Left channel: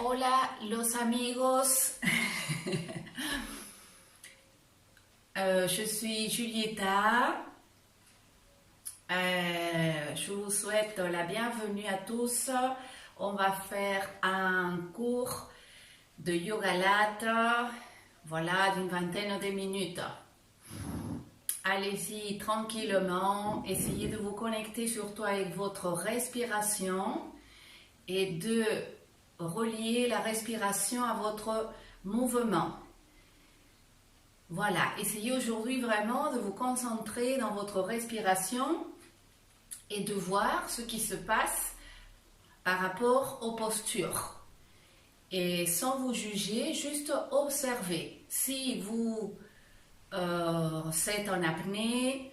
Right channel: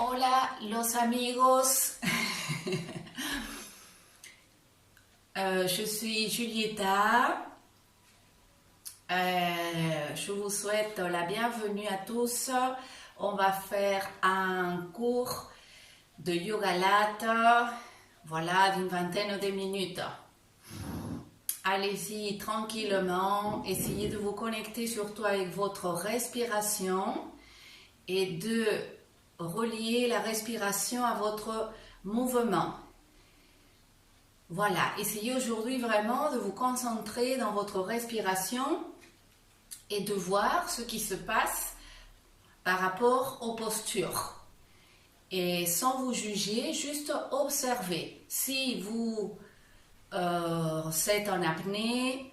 Hola los amigos, je suis Julieta. Je vous souhaite la bienvenue à tous. On va faire un cours de yoga latte, voilà, d'une vingtaine de minutes. Allez-y tranquillement, essayez de vous connecter surtout avec votre respiration et de relier la respiration à votre mouvement. Voilà, essayez aujourd'hui vraiment de vous concentrer dans votre respiration et de voir ce qui se passe par rapport aux postures. Et sans vous juger, juste observez. Si vous êtes en apnée,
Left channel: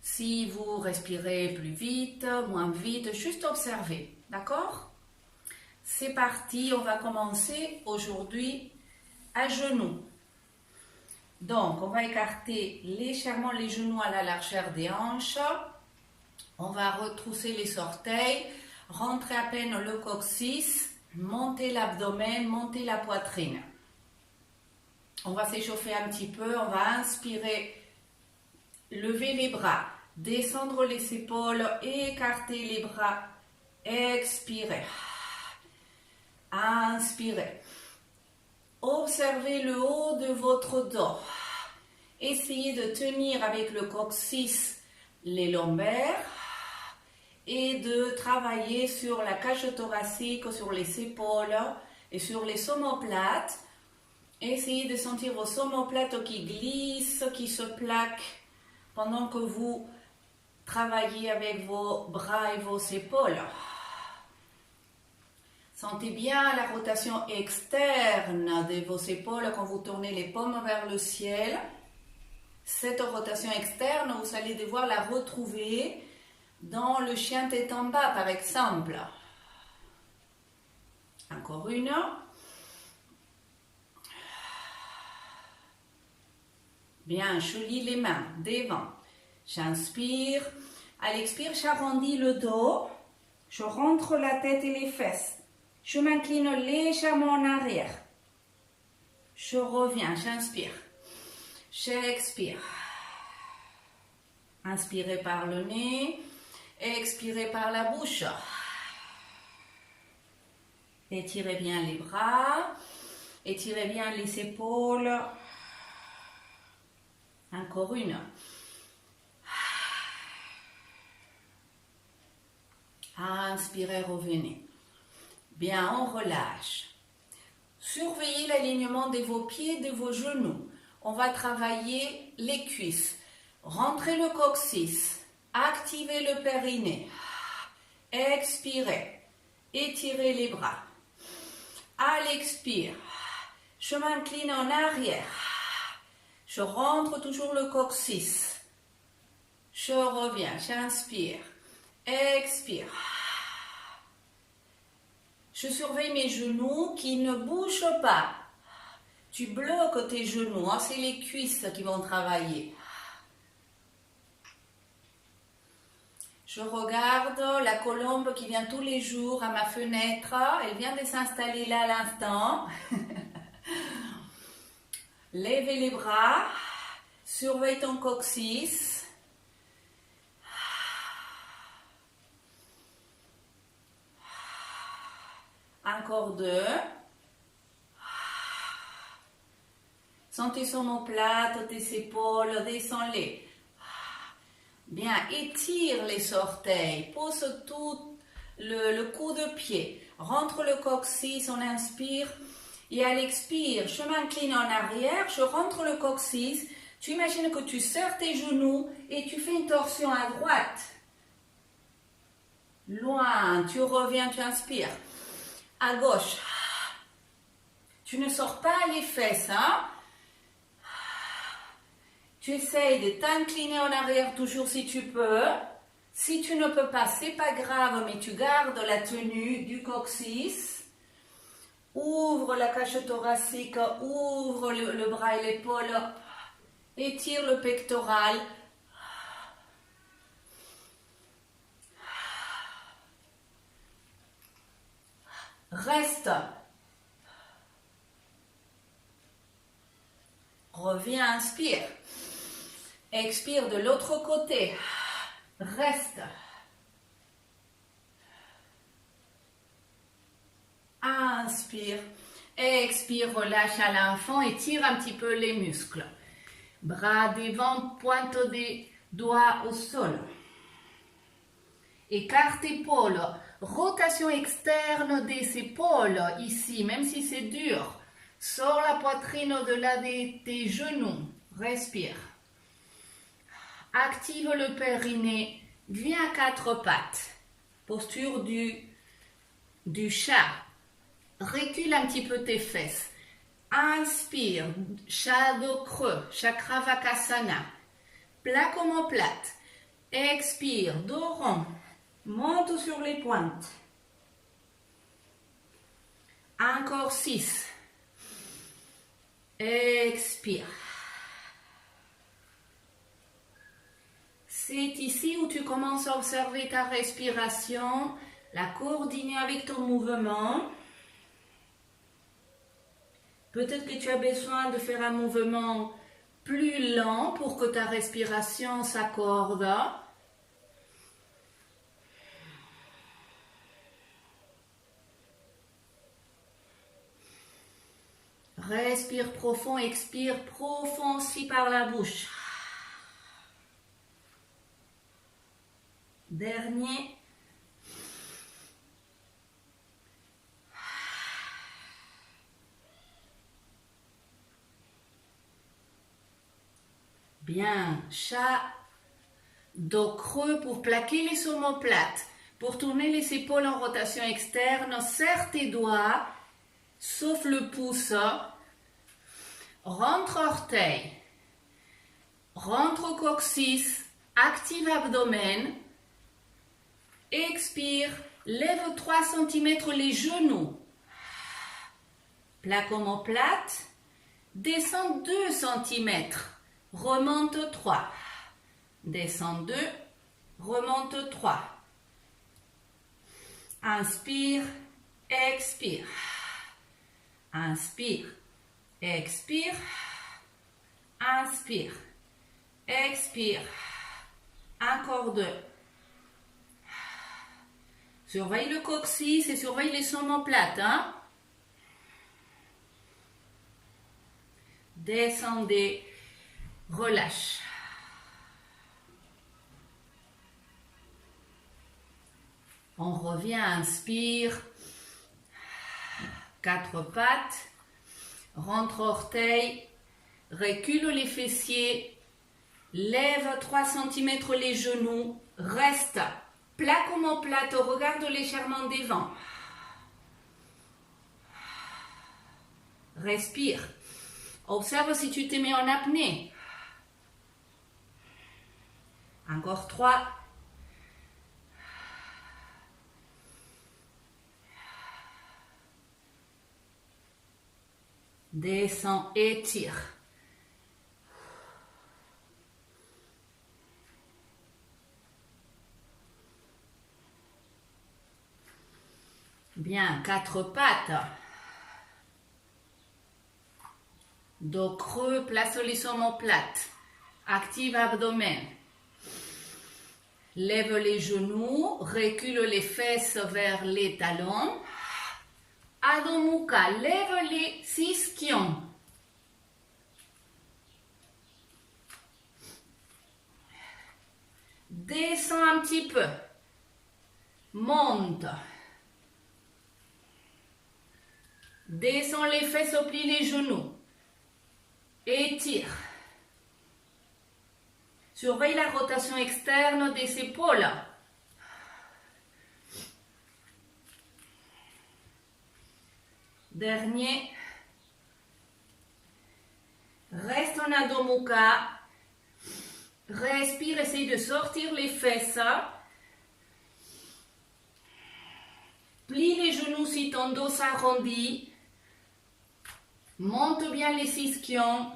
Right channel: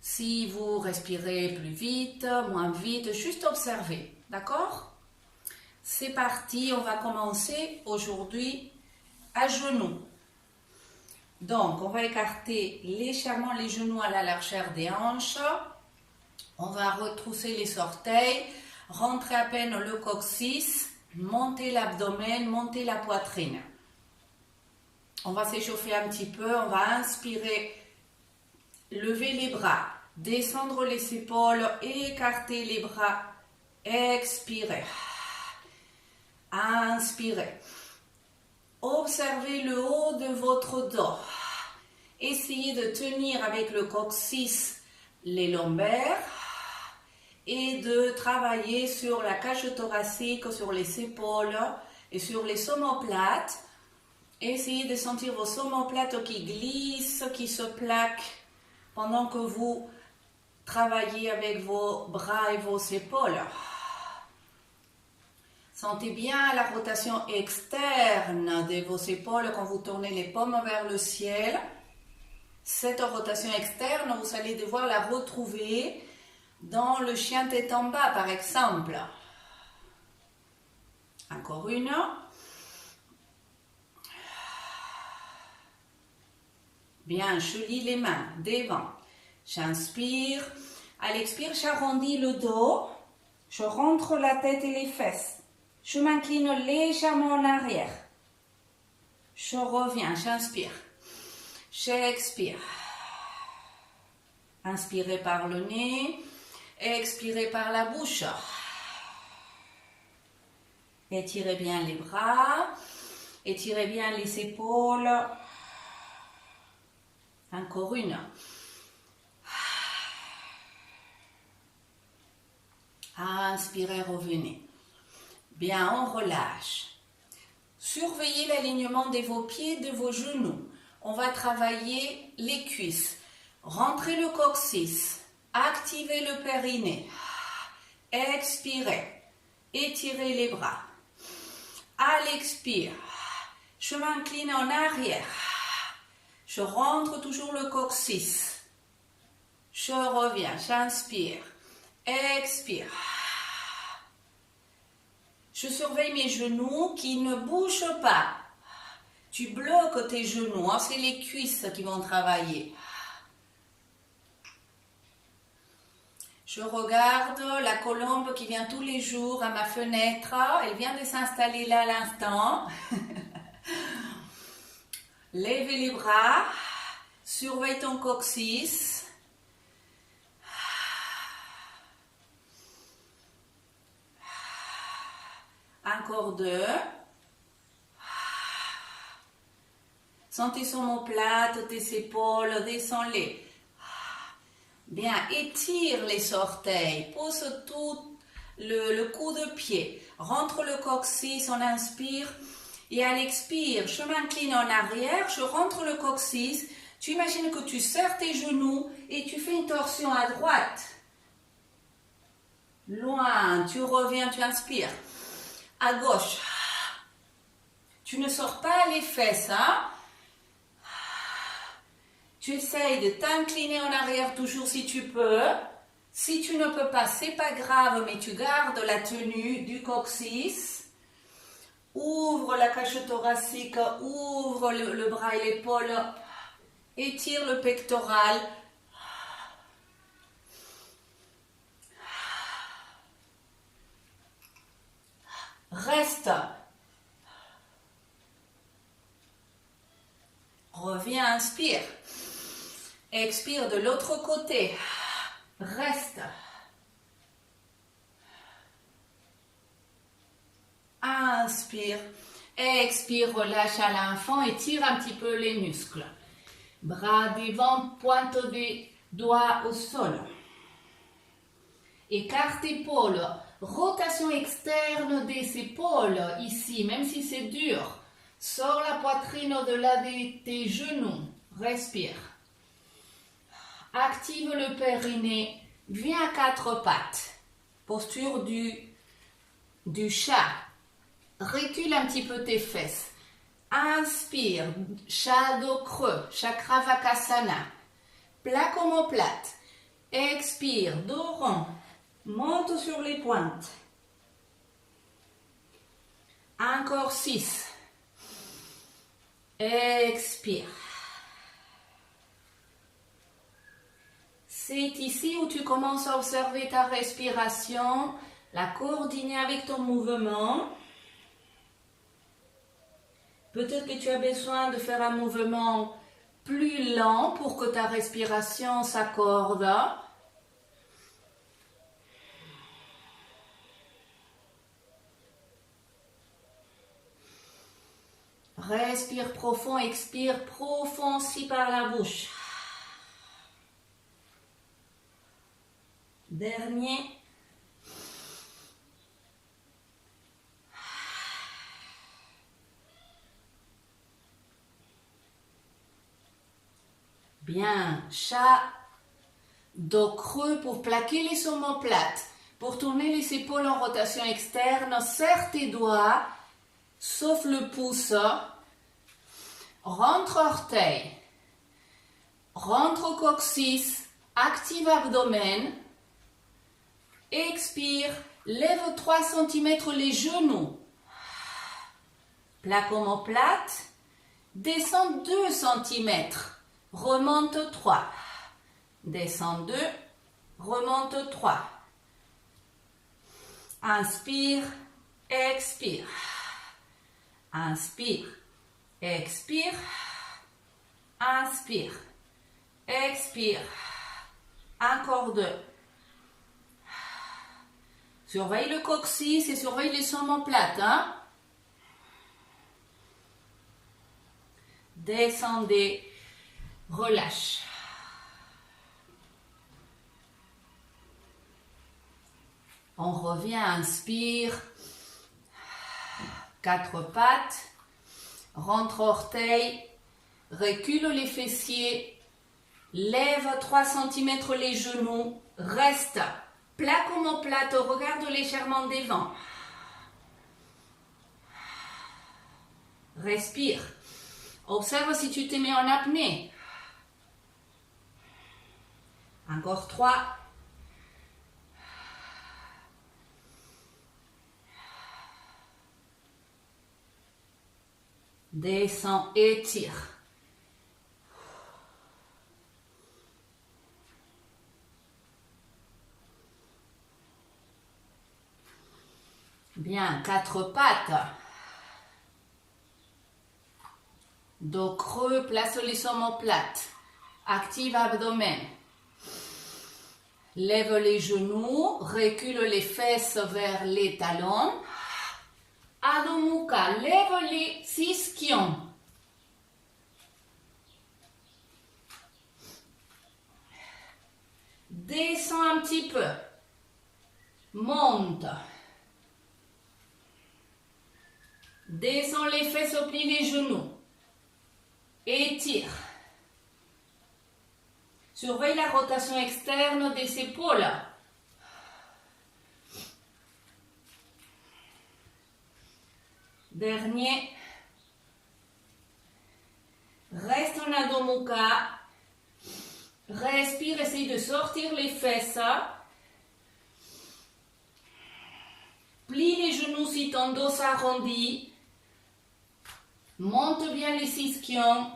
si vous respirez plus vite, moins vite, juste observez. D'accord ? C'est parti, on va commencer aujourd'hui à genoux. Donc, on va écarter légèrement les genoux à la largeur des hanches. On va retrousser les orteils, rentrer à peine le coccyx, monter l'abdomen, monter la poitrine. On va s'échauffer un petit peu, on va inspirer, lever les bras, descendre les épaules, écarter les bras, expirer. Inspirez. Observez le haut de votre dos. Essayez de tenir avec le coccyx les lombaires et de travailler sur la cage thoracique, sur les épaules et sur les omoplates. Essayez de sentir vos omoplates qui glissent, qui se plaquent pendant que vous travaillez avec vos bras et vos épaules. Sentez bien la rotation externe de vos épaules quand vous tournez les paumes vers le ciel. Cette rotation externe, vous allez devoir la retrouver dans le chien tête en bas, par exemple. Encore une. Bien, je lis les mains devant. J'inspire. À l'expire, j'arrondis le dos. Je rentre la tête et les fesses. Je m'incline légèrement en arrière. Je reviens, j'inspire. J'expire. Inspirez par le nez. Expirez par la bouche. Étirez bien les bras. Étirez bien les épaules. Encore une. Inspirez, revenez. Bien, on relâche. Surveillez l'alignement de vos pieds, de vos genoux. On va travailler les cuisses. Rentrez le coccyx. Activez le périnée. Expirez. Étirez les bras. À l'expire, je m'incline en arrière. Je rentre toujours le coccyx. Je reviens, j'inspire. Expire. Je surveille mes genoux qui ne bougent pas. Tu bloques tes genoux, hein, c'est les cuisses qui vont travailler. Je regarde la colombe qui vient tous les jours à ma fenêtre. Elle vient de s'installer là à l'instant. Lève les bras. Surveille ton coccyx. Encore deux. Sentez tes omoplates, tes épaules, descends-les. Bien, étire les orteils, pose tout le coup de pied. Rentre le coccyx, on inspire. Et à l'expire, je m'incline en arrière, je rentre le coccyx. Tu imagines que tu serres tes genoux et tu fais une torsion à droite. Loin, tu reviens, tu inspires. À gauche. Tu ne sors pas les fesses, hein? Tu essayes de t'incliner en arrière toujours si tu peux. Si tu ne peux pas, c'est pas grave, mais tu gardes la tenue du coccyx. Ouvre la cage thoracique, ouvre le bras et l'épaule. Étire le pectoral. Reste reviens, inspire. Expire de l'autre côté. Reste. Inspire. Expire, relâche à l'enfant et tire un petit peu les muscles. Bras devant, pointe des doigts au sol. Écarte épaules. Rotation externe des épaules ici, même si c'est dur. Sors la poitrine au-delà de tes genoux. Respire. Active le périnée. Viens à quatre pattes. Posture du chat. Recule un petit peu tes fesses. Inspire. Chat dos creux. Chakra Vakasana. Plaque omoplate. Expire. Dos rond. Monte sur les pointes. Encore 6. Expire. C'est ici où tu commences à observer ta respiration, la coordonner avec ton mouvement. Peut-être que tu as besoin de faire un mouvement plus lent pour que ta respiration s'accorde. Respire profond, expire profond aussi par la bouche. Dernier. Bien, chat, dos creux pour plaquer les omoplates. Pour tourner les épaules en rotation externe, serre tes doigts, sauf le pouce. Rentre orteil. Rentre au coccyx. Active abdomen. Expire. Lève 3 cm les genoux. Plaque omoplate. Descends 2 cm. Remonte 3. Descends 2. Remonte 3. Inspire. Expire. Inspire. Expire. Inspire. Expire. Encore 2. Surveille le coccyx et surveille les omoplates. Hein? Descendez. Relâche. On revient, inspire. 4 pattes. Rentre orteil. Recule les fessiers. Lève 3 cm les genoux. Reste. Plaque omoplate, regarde l'échauffement des vents. Respire. Observe si tu te mets en apnée. Encore 3. Descends, étire. Bien, 4 pattes. Dos creux, place les omoplates. Active abdomen. Lève les genoux, recule les fesses vers les talons. Adho Mukha, lève les ischions. Descends un petit peu. Monte. Descends les fesses au pli des genoux. Étire. Surveille la rotation externe des épaules. Dernier. Reste en Adho Mukha. Respire, essaye de sortir les fesses. Plie les genoux si ton dos s'arrondit. Monte bien les ischions.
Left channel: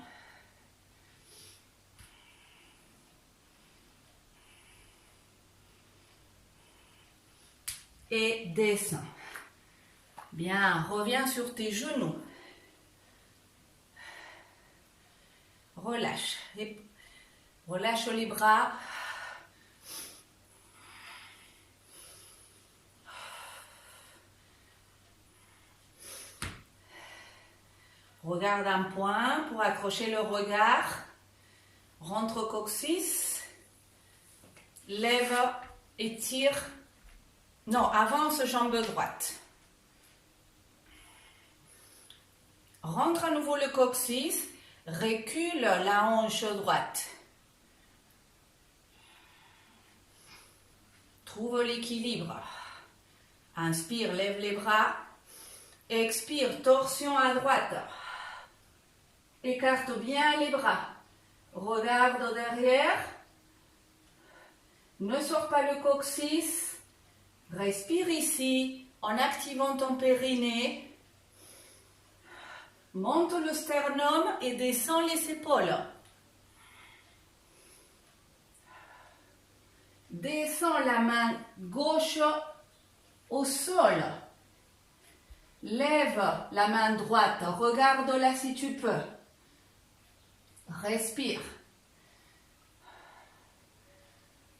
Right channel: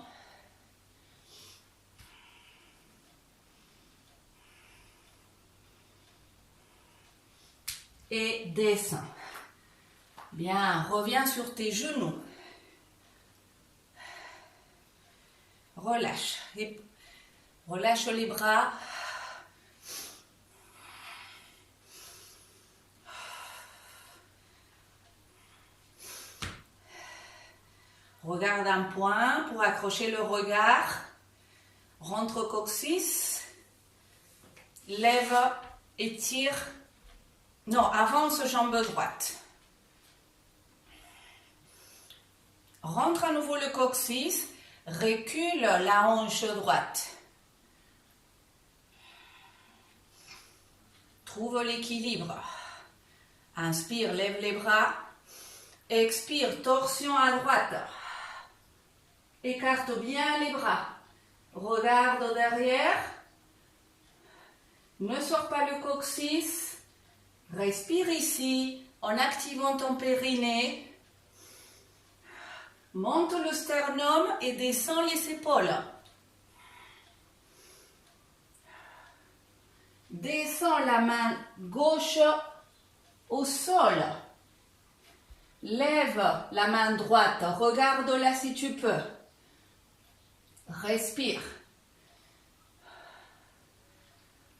Et descends. Bien, reviens sur tes genoux. relâche. Et relâche les bras. Regarde un point pour accrocher le regard. Rentre coccyx. Lève, étire. Non, avance jambe droite. Rentre à nouveau le coccyx. Recule la hanche droite. Trouve l'équilibre. Inspire, lève les bras. Expire, torsion à droite. Écarte bien les bras. Regarde derrière. Ne sors pas le coccyx. Respire ici en activant ton périnée. Monte le sternum et descends les épaules. Descends la main gauche au sol. Lève la main droite. Regarde-la si tu peux. Respire.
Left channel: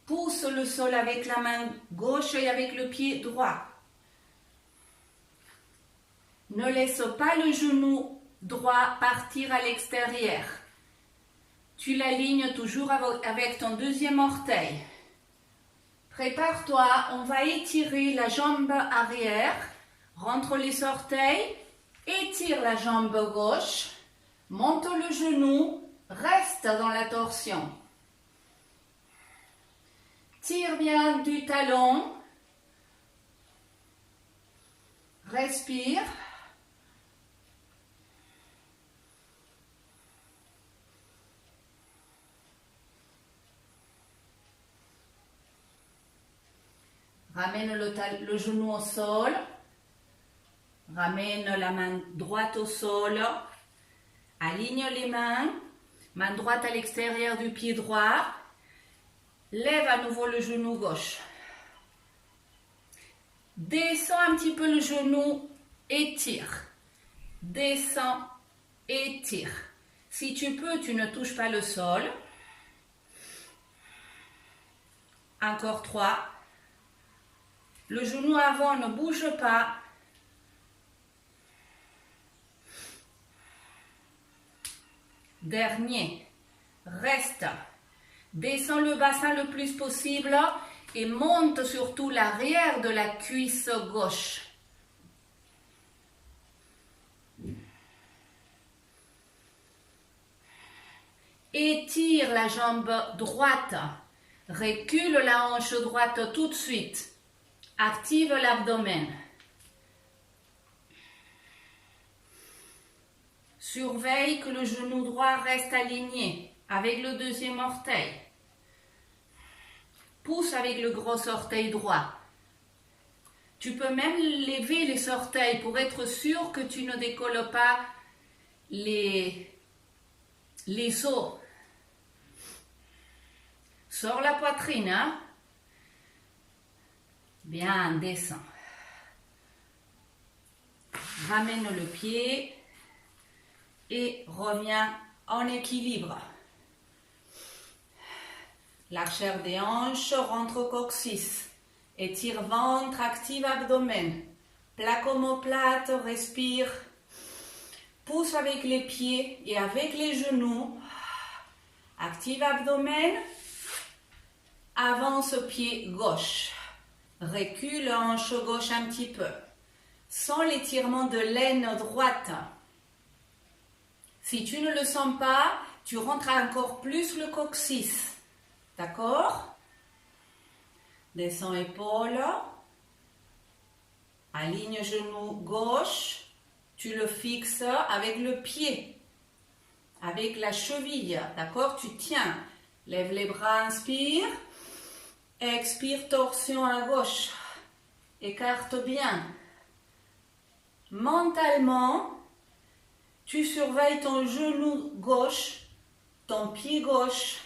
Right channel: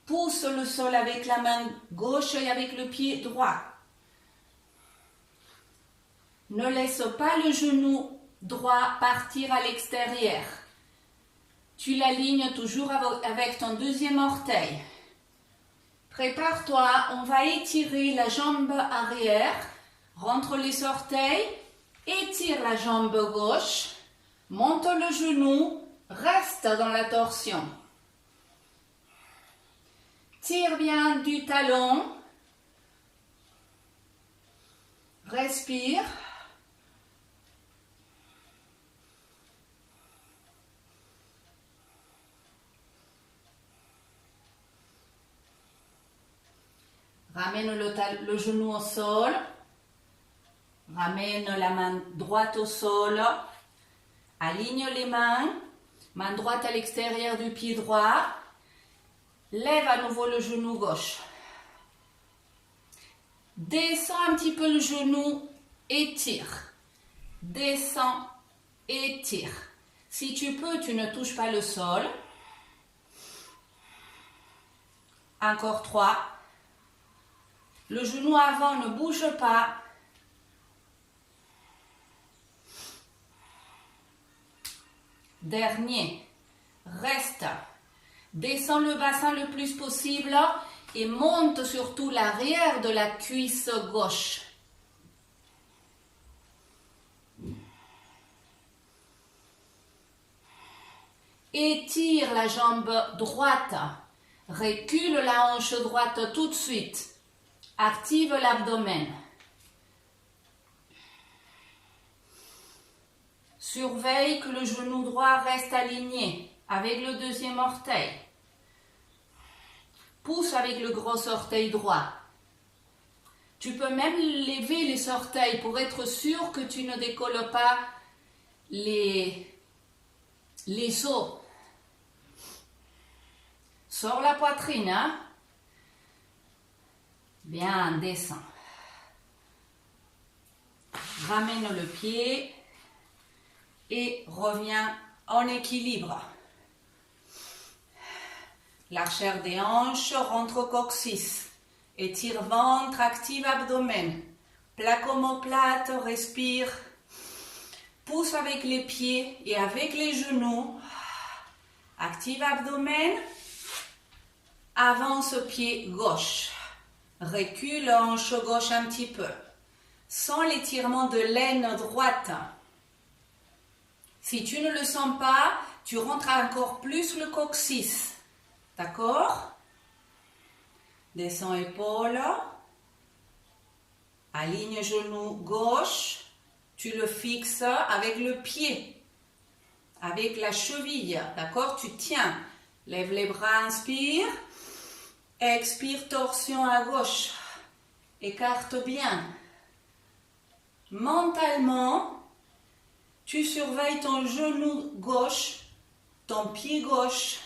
Pousse le sol avec la main gauche et avec le pied droit. Ne laisse pas le genou droit partir à l'extérieur. Tu l'alignes toujours avec ton deuxième orteil. Prépare-toi, on va étirer la jambe arrière. Rentre les orteils, étire la jambe gauche, monte le genou, reste dans la torsion. Tire bien du talon. Respire. Ramène le genou au sol. Ramène la main droite au sol. Aligne les mains. Main droite à l'extérieur du pied droit. Lève à nouveau le genou gauche. Descends un petit peu le genou. Étire. Descends. Étire. Si tu peux, tu ne touches pas le sol. Encore 3. Le genou avant ne bouge pas. Dernier. Reste. Descends le bassin le plus possible et monte surtout l'arrière de la cuisse gauche. Étire la jambe droite. Recule la hanche droite tout de suite. Active l'abdomen. Surveille que le genou droit reste aligné avec le deuxième orteil. Pousse avec le gros orteil droit. Tu peux même lever les orteils pour être sûr que tu ne décolles pas les os. Sors la poitrine, hein? Bien, descends. Ramène le pied et reviens en équilibre. L'archère des hanches rentre au coccyx. Étire ventre, active abdomen. Plaque omoplate, respire. Pousse avec les pieds et avec les genoux. Active abdomen. Avance pied gauche. Recule hanche gauche un petit peu. Sens l'étirement de l'aine droite. Si tu ne le sens pas, tu rentres encore plus le coccyx. D'accord? Descends épaules. Aligne genou gauche. Tu le fixes avec le pied. Avec la cheville. D'accord? Tu tiens. Lève les bras, inspire. Expire, torsion à gauche. Écarte bien. Mentalement, tu surveilles ton genou gauche, ton pied gauche,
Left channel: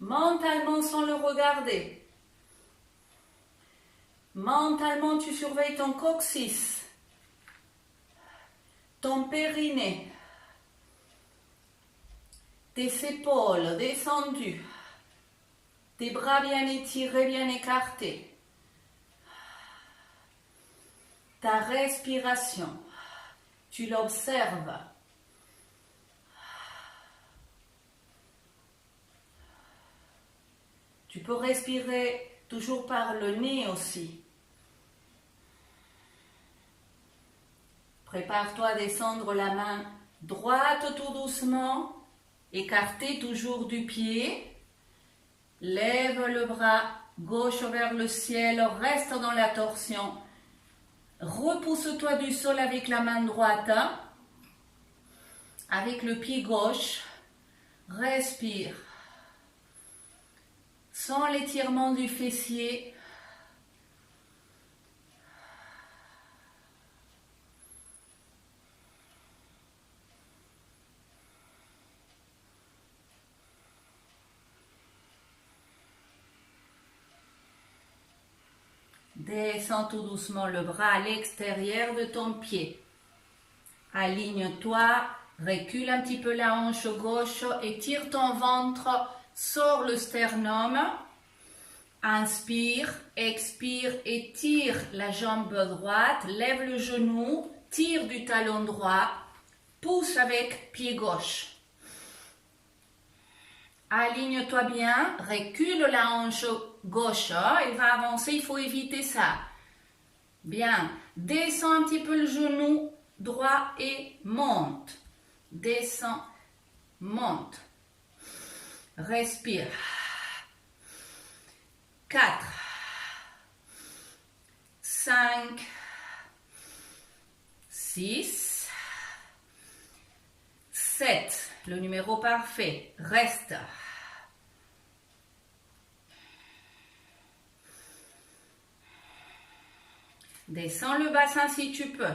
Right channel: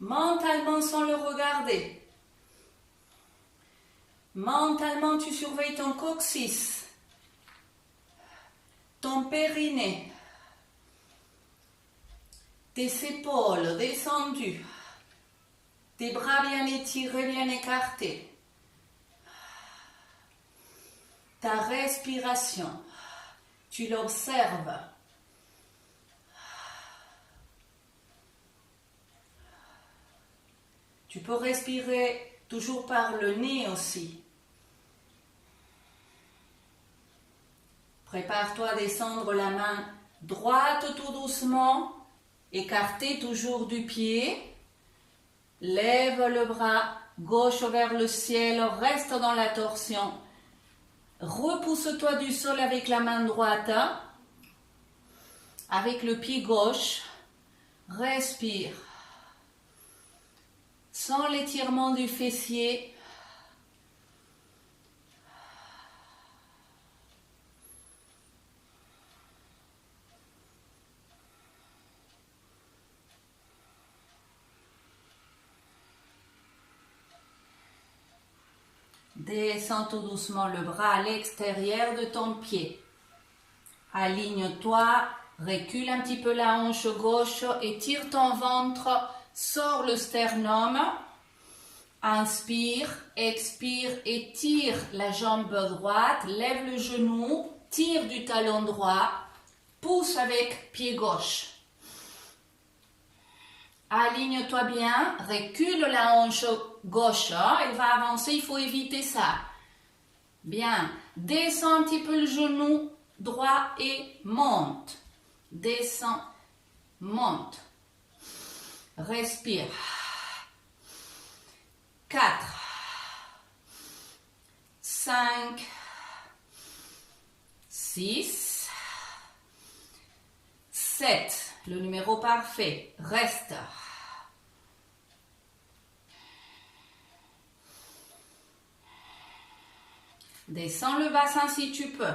mentalement sans le regarder. Mentalement, tu surveilles ton coccyx, ton périnée. Tes épaules descendues. Tes bras bien étirés, bien écartés. Ta respiration, tu l'observes. Tu peux respirer toujours par le nez aussi. Prépare-toi à descendre la main droite tout doucement, écartée toujours du pied. Lève le bras gauche vers le ciel, reste dans la torsion. Repousse-toi du sol avec la main droite, avec le pied gauche. Respire. Sans l'étirement du fessier. Descends tout doucement le bras à l'extérieur de ton pied. Aligne-toi, recule un petit peu la hanche gauche, étire ton ventre, sors le sternum. Inspire, expire, étire la jambe droite, lève le genou, tire du talon droit, pousse avec pied gauche. Aligne-toi bien, recule la hanche gauche, elle va avancer, il faut éviter ça. Bien, descends un petit peu le genou droit et monte. Descends, monte. Respire. 4, 5, 6, 7. Le numéro parfait. Reste. Descends le bassin si tu peux.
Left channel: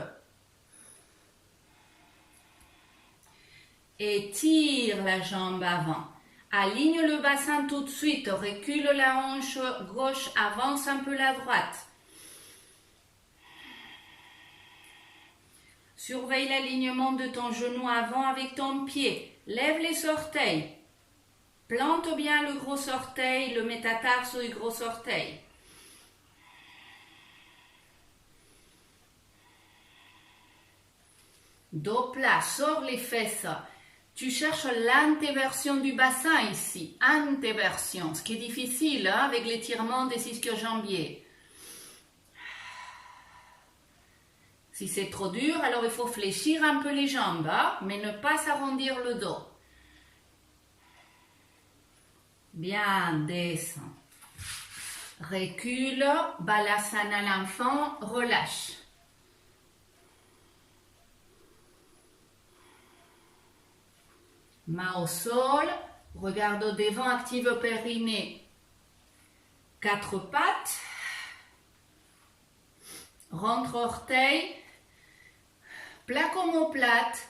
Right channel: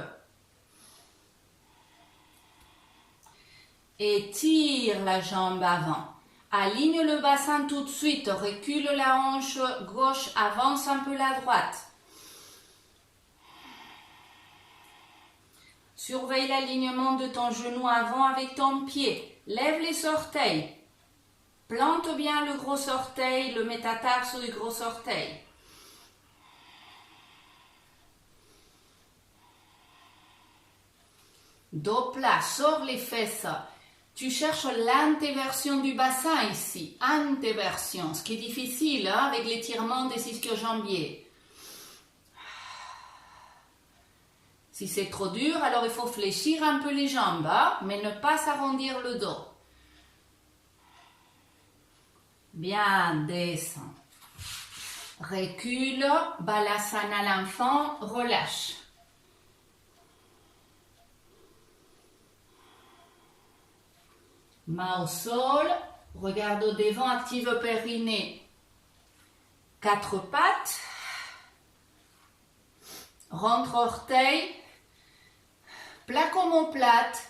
Étire la jambe avant. Aligne le bassin tout de suite. Recule la hanche gauche. Avance un peu la droite. Surveille l'alignement de ton genou avant avec ton pied. Lève les orteils. Plante bien le gros orteil, le métatarse du gros orteil. Dos plat, sors les fesses. Tu cherches l'antéversion du bassin ici. Antéversion, ce qui est difficile avec l'étirement des ischio-jambiers. Si c'est trop dur, alors il faut fléchir un peu les jambes, mais ne pas s'arrondir le dos. Bien, descends. Recule, balasana l'enfant, relâche. Main au sol, regarde au devant, active périnée. 4 pattes. Rentre orteil. Plaque omoplate.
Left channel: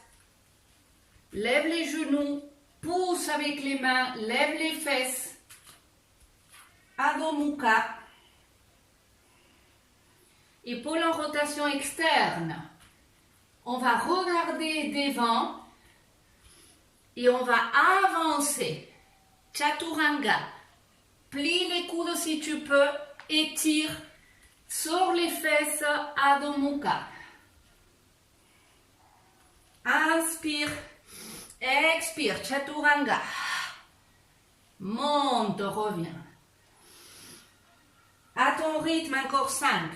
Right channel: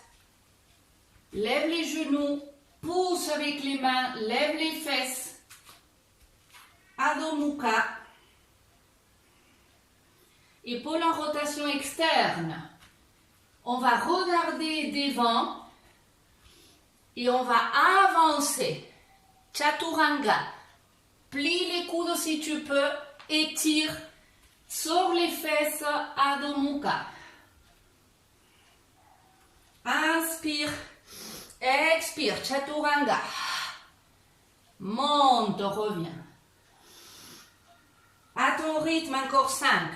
Lève les genoux. Pousse avec les mains. Lève les fesses. Adho Mukha. Épaules en rotation externe. On va regarder devant. Et on va avancer. Chaturanga. Plie les coudes si tu peux. Étire. Sors les fesses. Adho Mukha. Inspire. Expire. Chaturanga. Monte, reviens. À ton rythme, encore 5.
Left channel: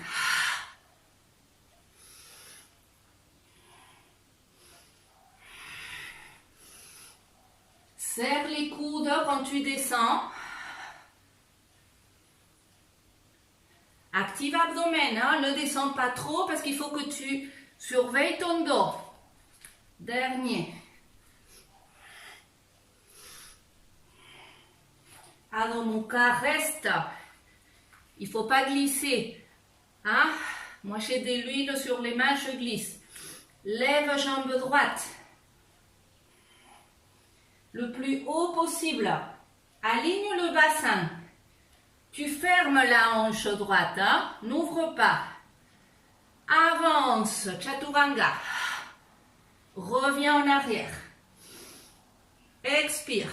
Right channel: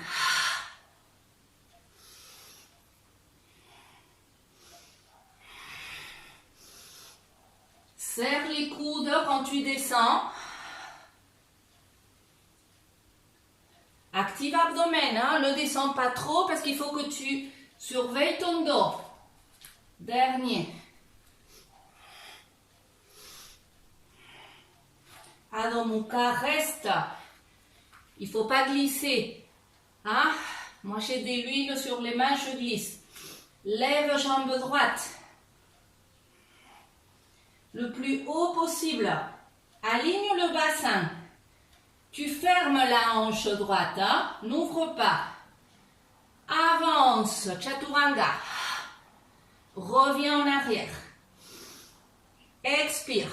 Serre les coudes quand tu descends. Active abdomen, ne descends pas trop parce qu'il faut que tu surveilles ton dos. Dernier. Adho Mukha, reste. Il ne faut pas glisser. Hein? Moi j'ai de l'huile sur les mains, je glisse. Lève jambe droite. Le plus haut possible. Aligne le bassin. Tu fermes la hanche droite, n'ouvre pas. Avance, Chaturanga. Reviens en arrière. Expire.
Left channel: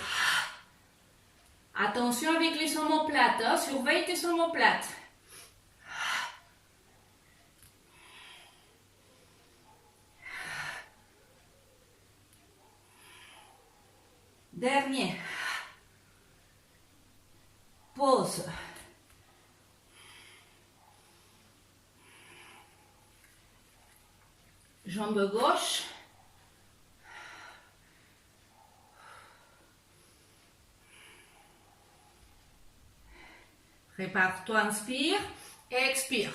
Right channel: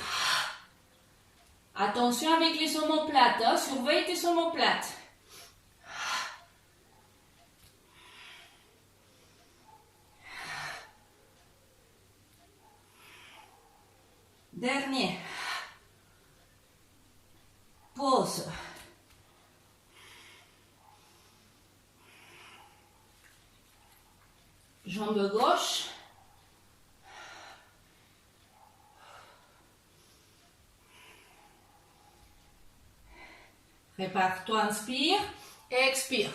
Attention avec les omoplates, hein? Surveille tes omoplates. Dernier. Pause. Jambe gauche. Prépare-toi, inspire, expire.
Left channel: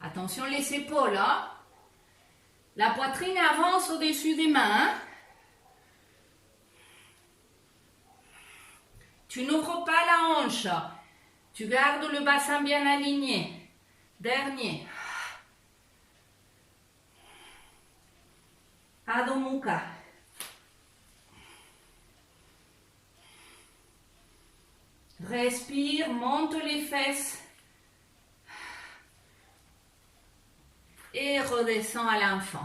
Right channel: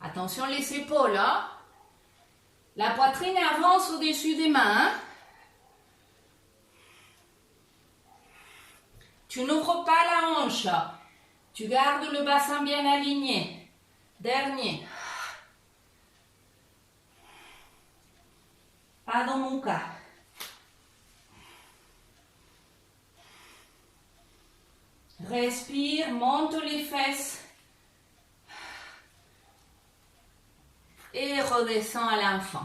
Attention les épaules, hein? La poitrine avance au-dessus des mains. Hein? Tu n'ouvres pas la hanche. Tu gardes le bassin bien aligné. Dernier. Adho Mukha. Respire, monte les fesses. Et redescends à l'enfant.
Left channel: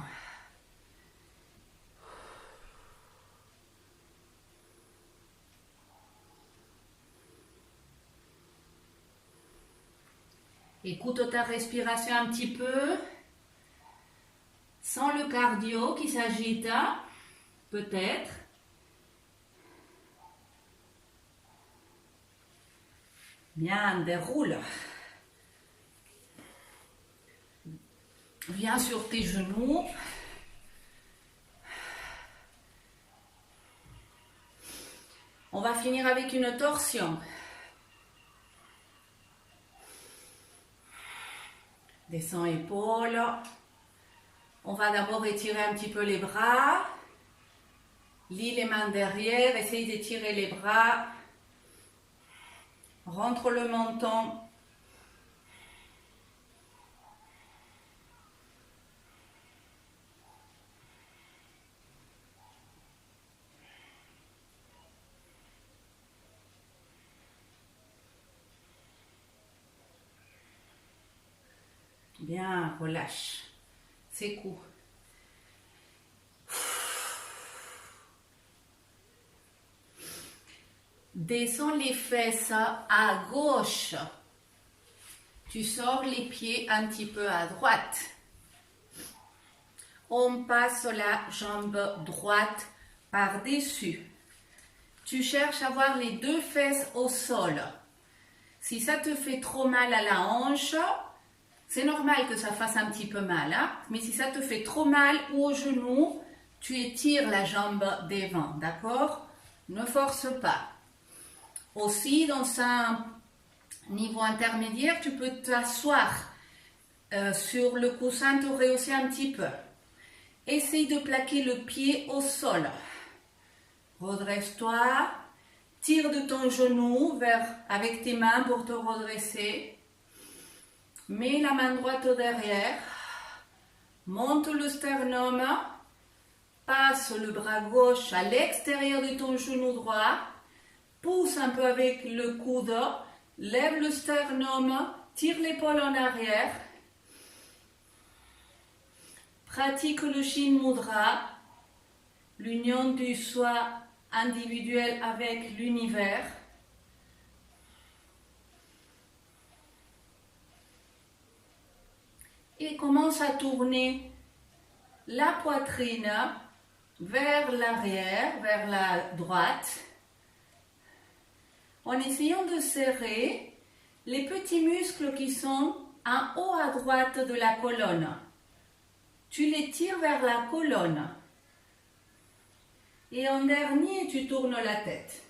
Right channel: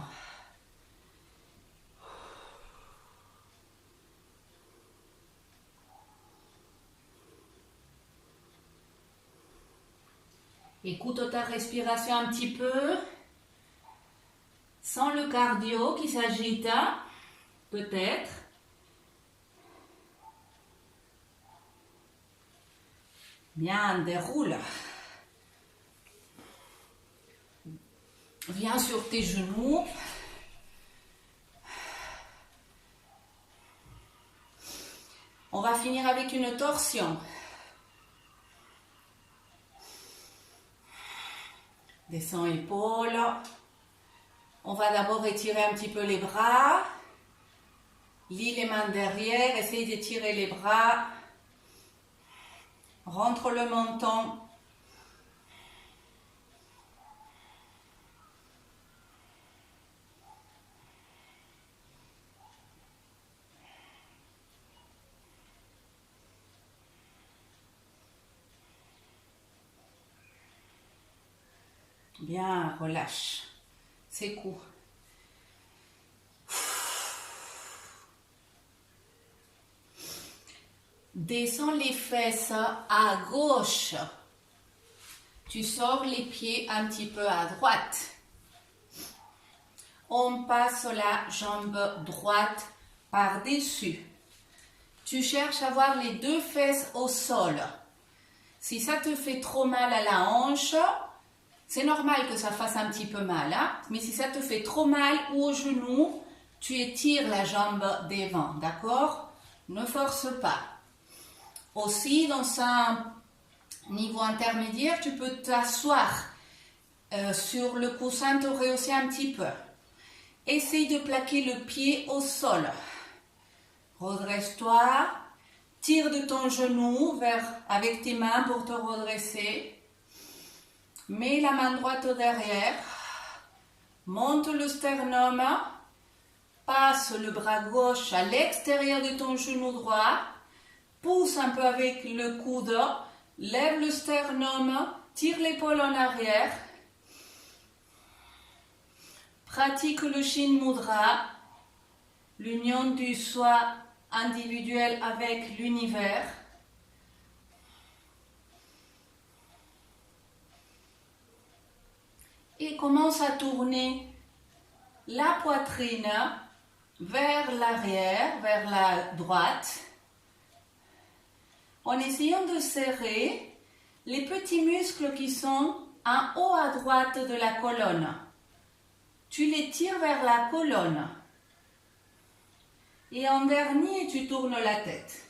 Écoute ta respiration un petit peu. Sens le cardio qui s'agite, peut-être. Bien, déroule. Viens sur tes genoux. On va finir avec une torsion. Descends épaules. On va d'abord étirer un petit peu les bras. Lis les mains derrière. Essaye d'étirer les bras. Rentre le menton. Bien, relâche. Secoue. Descends les fesses à gauche. Tu sors les pieds un petit peu à droite. On passe la jambe droite par-dessus. Tu cherches à avoir les deux fesses au sol. Si ça te fait trop mal à la hanche, c'est normal que ça fasse un petit peu mal, hein? Mais si ça te fait trop mal ou au genou, tu étires la jambe devant, d'accord? Ne force pas. Aussi, dans un niveau intermédiaire, tu peux t'asseoir sur le coussin, te rehausser un petit peu. Essaye de plaquer le pied au sol. Redresse-toi. Tire de ton genou avec tes mains pour te redresser. Mets la main droite au derrière, monte le sternum, passe le bras gauche à l'extérieur de ton genou droit, pousse un peu avec le coude, lève le sternum, tire l'épaule en arrière, pratique le Shin Mudra, l'union du soi individuel avec l'univers. Et commence à tourner la poitrine vers l'arrière, vers la droite, en essayant de serrer les petits muscles qui sont en haut à droite de la colonne. Tu les tires vers la colonne. Et en dernier, tu tournes la tête.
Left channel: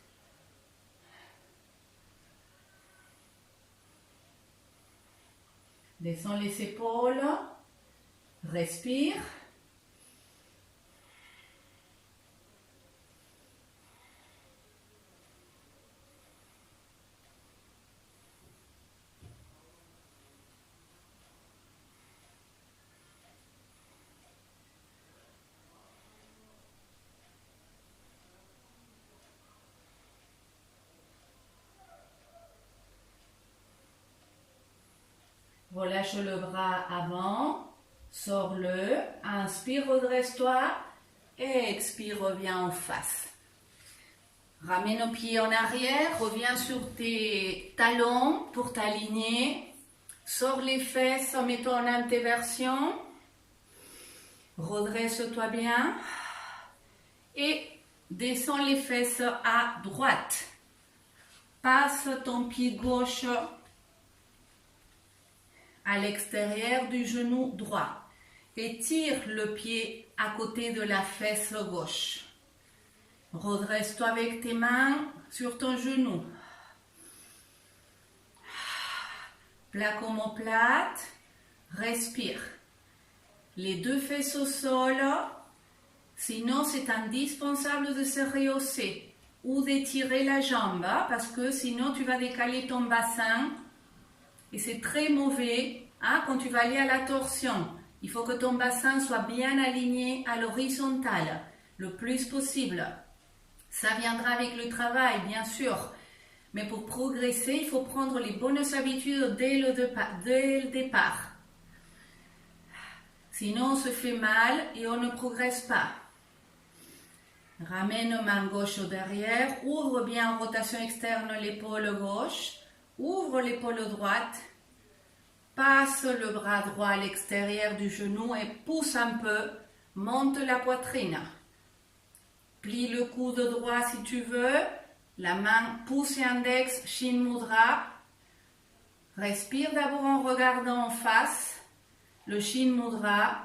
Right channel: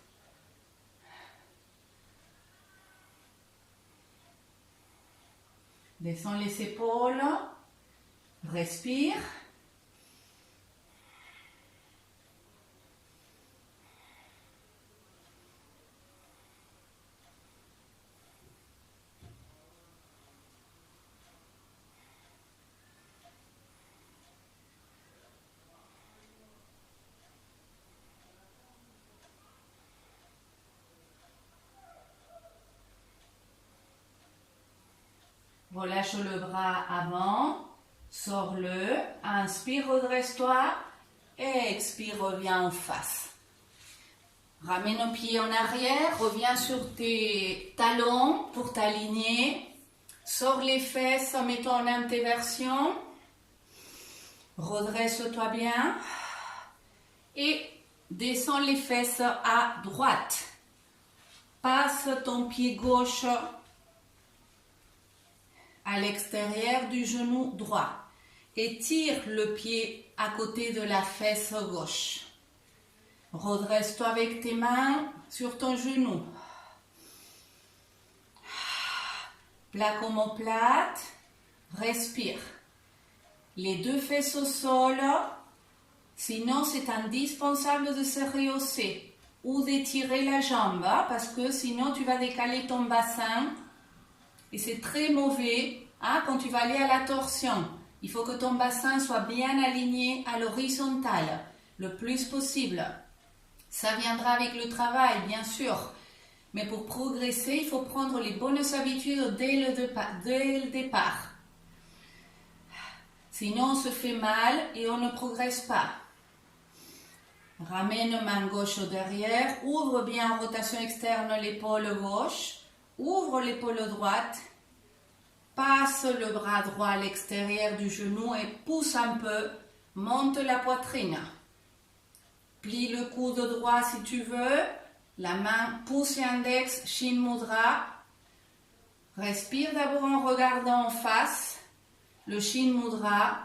Descends les épaules, respire. Relâche le bras avant, Sors-le. Inspire, redresse-toi. Expire, reviens en face. Ramène nos pieds en arrière. Reviens sur tes talons pour t'aligner. Sors les fesses, mets-toi en inversion. Redresse-toi bien. Et descends les fesses à droite. Passe ton pied gauche à l'extérieur du genou droit. Et tire le pied à côté de la fesse gauche. Redresse-toi avec tes mains sur ton genou. Plaque omoplate. Respire. Les deux fesses au sol. Sinon, c'est indispensable de se rehausser ou d'étirer la jambe parce que sinon, tu vas décaler ton bassin et c'est très mauvais quand tu vas aller à la torsion. Il faut que ton bassin soit bien aligné à l'horizontale le plus possible. Ça viendra avec le travail, bien sûr. Mais pour progresser, il faut prendre les bonnes habitudes dès le départ. Sinon, on se fait mal et on ne progresse pas. Ramène main gauche au derrière. Ouvre bien en rotation externe l'épaule gauche. Ouvre l'épaule droite. Passe le bras droit à l'extérieur du genou et pousse un peu. Monte la poitrine. Plie le coude droit si tu veux. La main pouce l'index, Shin Mudra. Respire d'abord en regardant en face. Le Shin Mudra.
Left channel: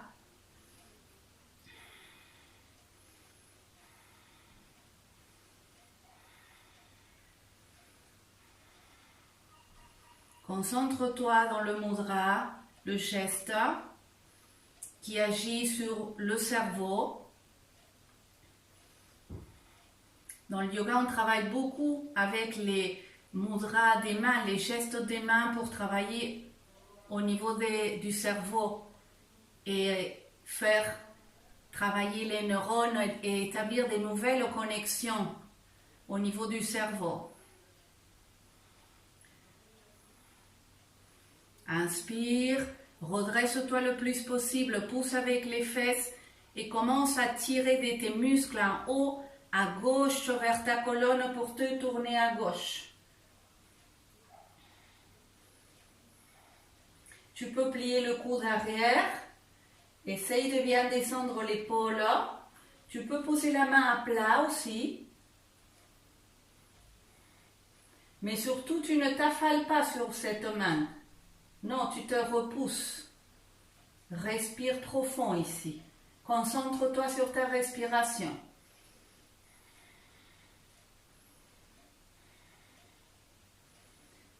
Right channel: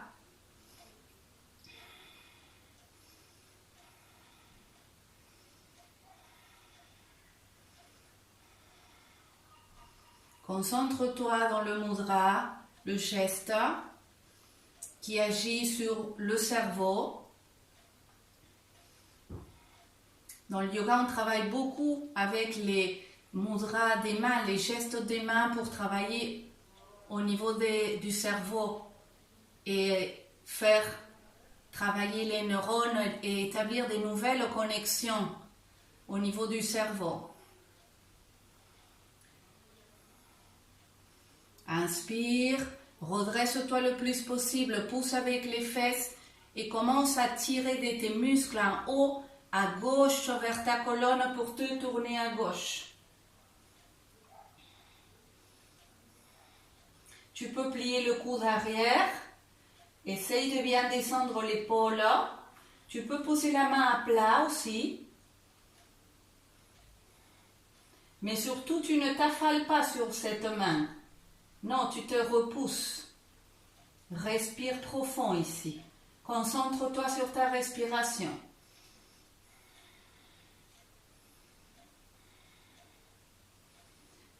Concentre-toi dans le mudra, le geste qui agit sur le cerveau. Dans le yoga, on travaille beaucoup avec les mudras des mains, les gestes des mains pour travailler au niveau du cerveau et faire travailler les neurones et établir des nouvelles connexions au niveau du cerveau. Inspire, redresse-toi le plus possible, pousse avec les fesses et commence à tirer de tes muscles en haut à gauche vers ta colonne pour te tourner à gauche. Tu peux plier le coude arrière, essaye de bien descendre l'épaule. Tu peux poser la main à plat aussi. Mais surtout, tu ne t'affales pas sur cette main. Non, tu te repousses. Respire profond ici. Concentre-toi sur ta respiration.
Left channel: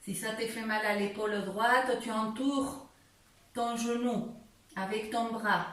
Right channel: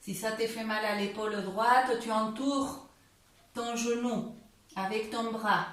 Si ça te fait mal à l'épaule droite, tu entoures ton genou avec ton bras.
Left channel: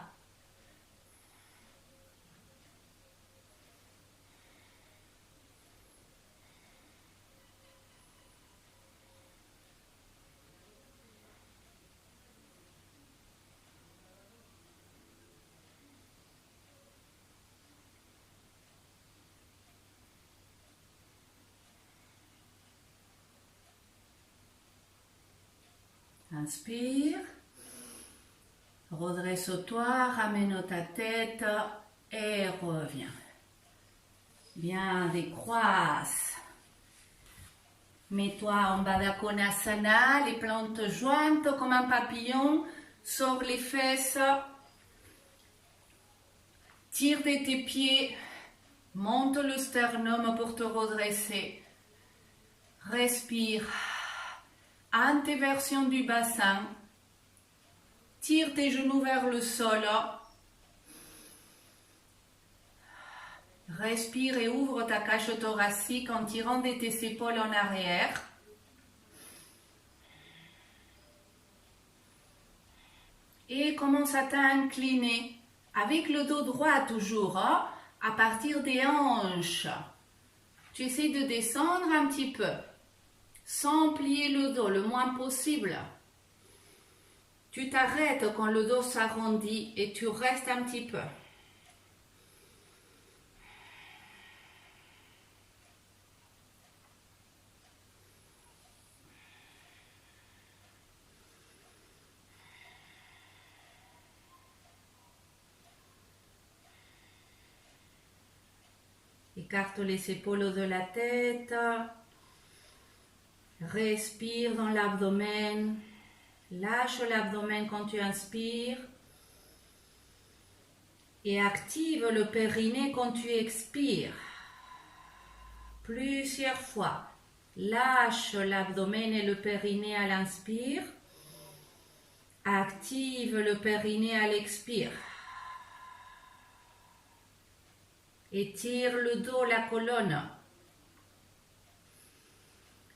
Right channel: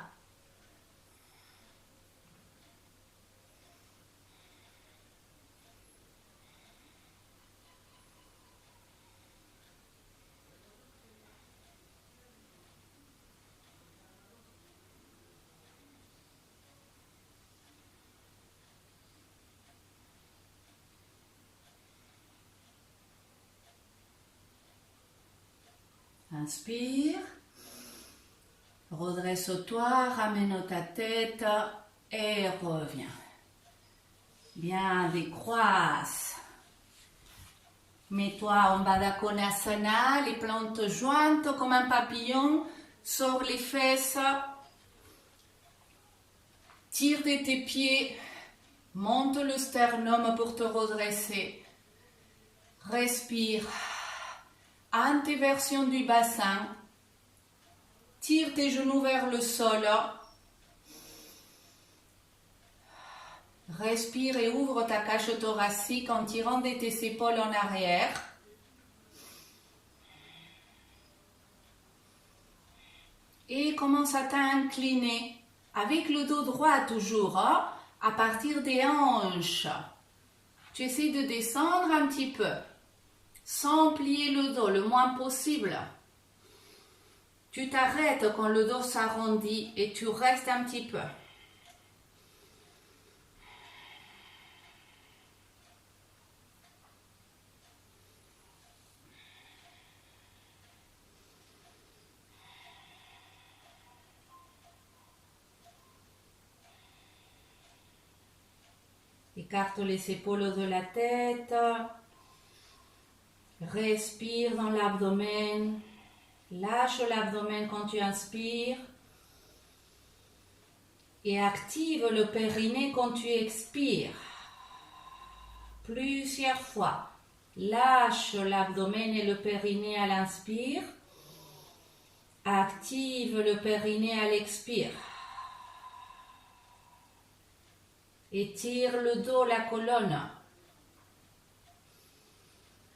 Inspire, redresse-toi, ramène ta tête et reviens. Bien, décroisse. Mets-toi en Baddha Konasana, les plantes jointes comme un papillon. Sors les fesses. Tire de tes pieds. Monte le sternum pour te redresser. Respire. Antéversion du bassin. Tire tes genoux vers le sol. Respire et ouvre ta cage thoracique en tirant de tes épaules en arrière. Et commence à t'incliner avec le dos droit toujours, à partir des hanches. Tu essaies de descendre un petit peu, sans plier le dos le moins possible. Tu t'arrêtes quand le dos s'arrondit et tu restes un petit peu. Écarte les épaules de la tête. Respire dans l'abdomen. Lâche l'abdomen quand tu inspires. Et active le périnée quand tu expires. Plusieurs fois. Lâche l'abdomen et le périnée à l'inspire. Active le périnée à l'expire. Étire le dos, la colonne.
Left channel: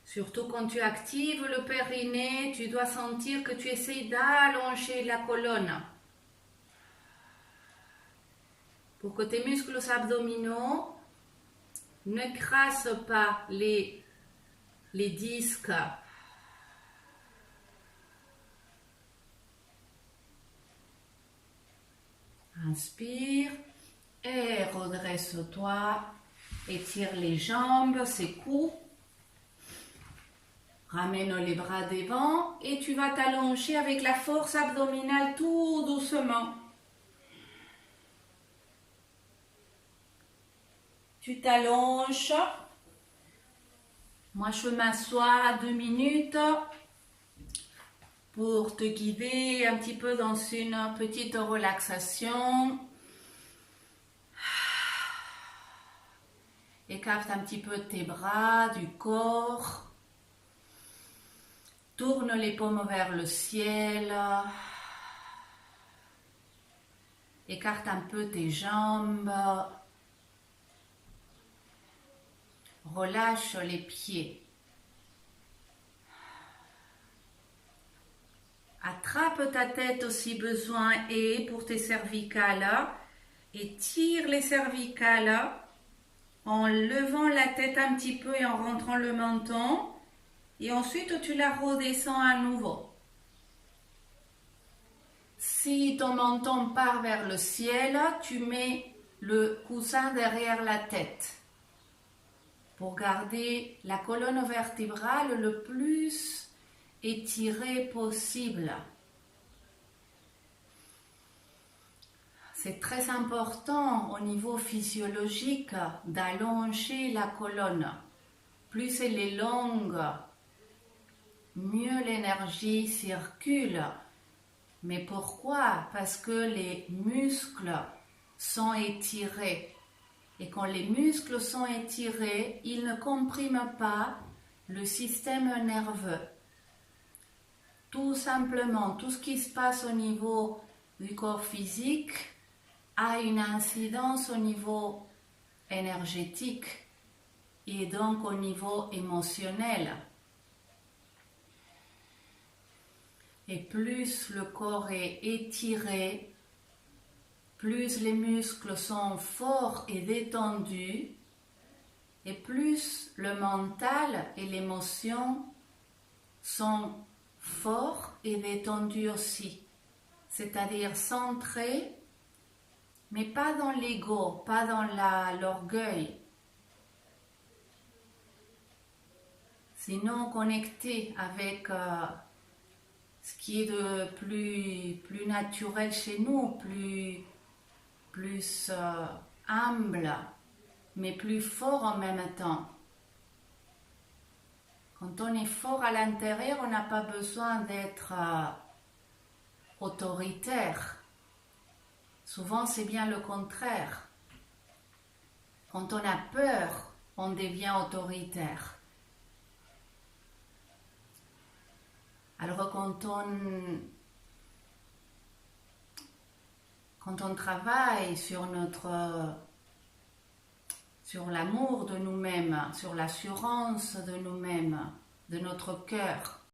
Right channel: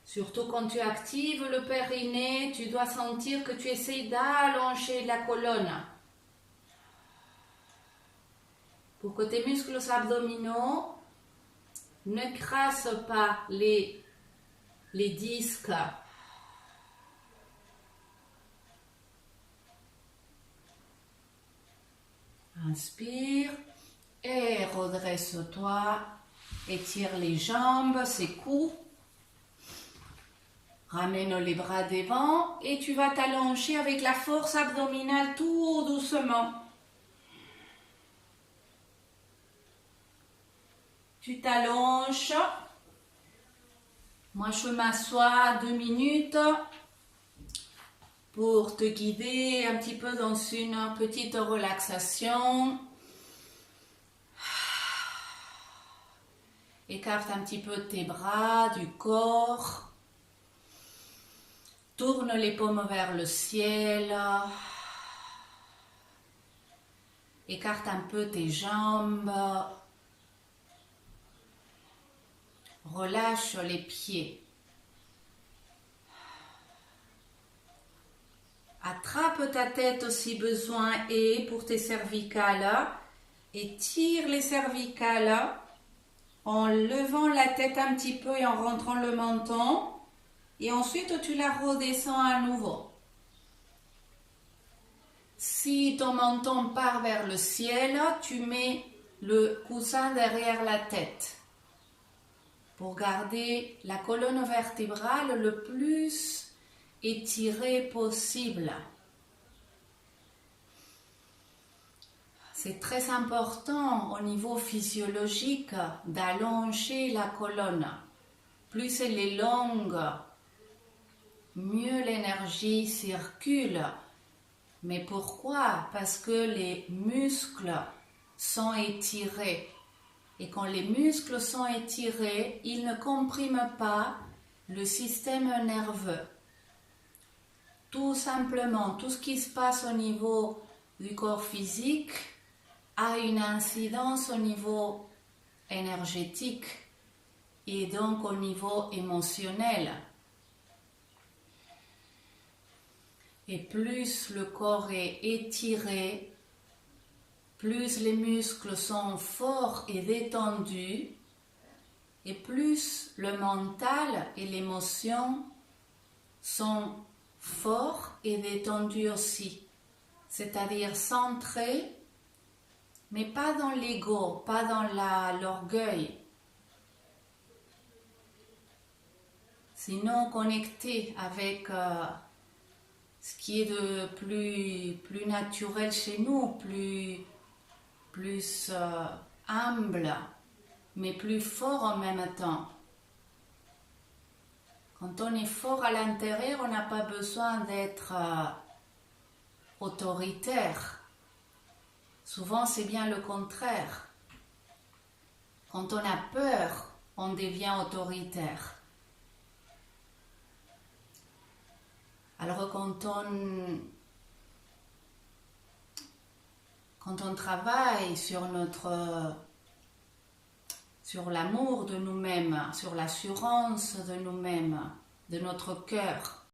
Surtout quand tu actives le périnée, tu dois sentir que tu essaies d'allonger la colonne. Pour que tes muscles abdominaux ne crassent pas les disques. Inspire et redresse-toi. Étire les jambes, ses coups. Ramène les bras devant et tu vas t'allonger avec la force abdominale tout doucement. Tu t'allonges. Moi, je m'assois 2 minutes pour te guider un petit peu dans une petite relaxation. Écarte un petit peu tes bras du corps. Tourne les paumes vers le ciel. Écarte un peu tes jambes. Relâche les pieds. Attrape ta tête si besoin est pour tes cervicales. Étire les cervicales en levant la tête un petit peu et en rentrant le menton. Et ensuite, tu la redescends à nouveau. Si ton menton part vers le ciel, tu mets le coussin derrière la tête pour garder la colonne vertébrale le plus étirée possible. C'est très important au niveau physiologique d'allonger la colonne. Plus elle est longue, mieux l'énergie circule. Mais pourquoi? Parce que les muscles sont étirés. Et quand les muscles sont étirés, ils ne compriment pas le système nerveux. Tout simplement, tout ce qui se passe au niveau du corps physique a une incidence au niveau énergétique et donc au niveau émotionnel. Et plus le corps est étiré, plus les muscles sont forts et détendus, et plus le mental et l'émotion sont forts et détendus aussi. C'est-à-dire centrés, mais pas dans l'ego, pas dans l'orgueil. Sinon connectés avec ce qui est de plus naturel chez nous, plus humble, mais plus fort en même temps. Quand on est fort à l'intérieur, on n'a pas besoin d'être autoritaire. Souvent, c'est bien le contraire. Quand on a peur, on devient autoritaire. Alors quand on travaille sur l'amour de nous-mêmes, sur l'assurance de nous-mêmes, de notre cœur,